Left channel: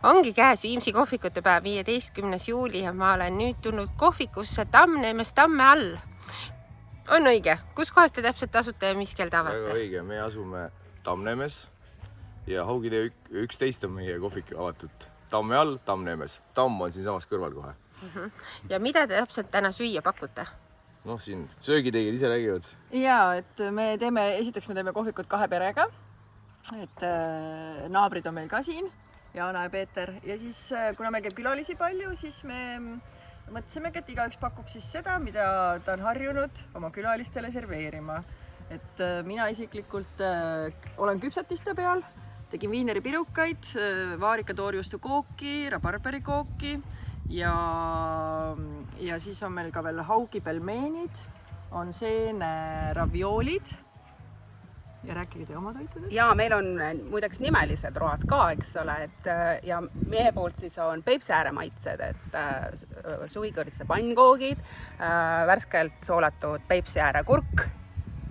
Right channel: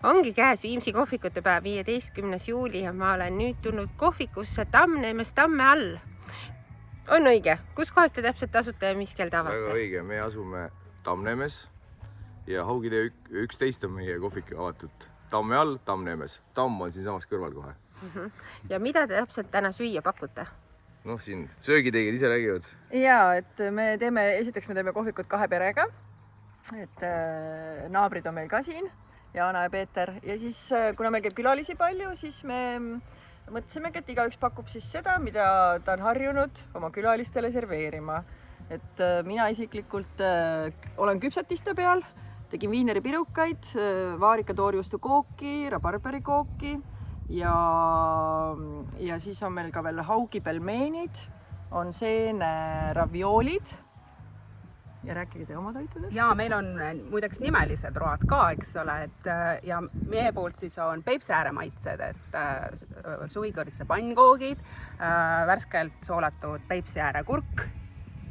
Ongi käes Viimsi kohvikute päev, 15. juuli ja ma olen nüüd tulnud kohvikusse Tammneemes Tamme all. On õige? Kus kohas te täpselt asute ja mis kell te avate? Väga õige, me asume Tammneemes ja Haugitee 11 on meie kohvik avatud. Tamme all, Tammneemes. Tamm on siin samas kõrval kohe. Ja mida te täpselt täna süüa pakute? Noh, siin söögitegijad ise räägivad. Jaa, et esiteks me teeme kohvikut 2 perega. Et naabrid on meil ka siin, Jaana ja Peeter. Ja siis, kuna meil käib külalisi palju, siis me mõtlesimegi, et igaüks pakub siis seda, mida ta on harjunud oma külalistele serveerima. Et mina isiklikult olen küpsetiste peal, tegin viineri pirukaid, vaarika toorjuustu kooki, rabarberikooki ja siis on meil ka veel haugi pelmeenid, on seene ravioolid. Ja rääkige te oma toitudest? Ja meil on muideks nimelised road ka, eks ole, ja meie poolt siis on Peipsiääre maitsed, et suvikoritse pannkoogid, värskelt soolatud Peipsiääre kurk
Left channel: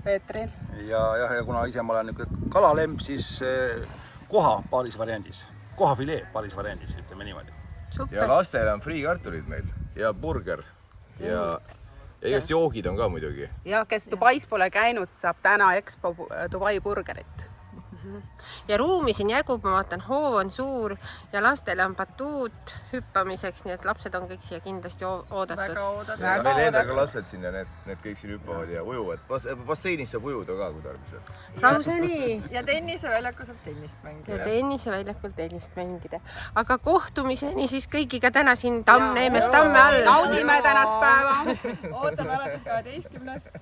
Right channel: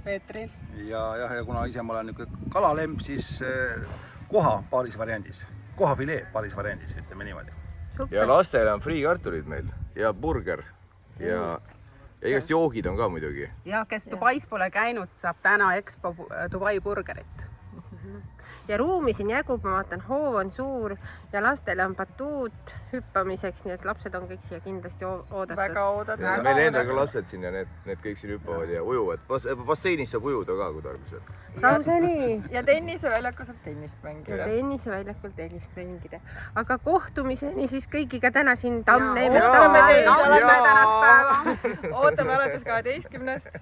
Peetril. Ja kuna ise ma olen niisugune kalalemp, siis koha paaris variandis, kohafilee paaris variandis, ütleme niimoodi. Super. Ja lastele on friikartulid meil ja burger ja igast joogid on ka muidugi. Ja kes Dubais pole käinud, saab täna Expo Dubai burgerit. Ja ruumi siin jägub, ma vaatan, hoov on suur ja lastele on batuut hüppamiseks, nii et lapsed on kõik siia kindlasti oodatud. Väga oodatud. Ja meil endal ka lapsed siin ja need kõik siin hüppavad ja ujuvad. Basseinis saab ujuda ka, kui tarvis. Lausa nii. Ja tenniseväljakul saab tennist mängida. Ja tenniseväljakul tennist mängida. Aga kohtumiseni siis kõigiga täna siin Tammneemes Tamme all. Naudime tänast päeva. Ootame alates 12.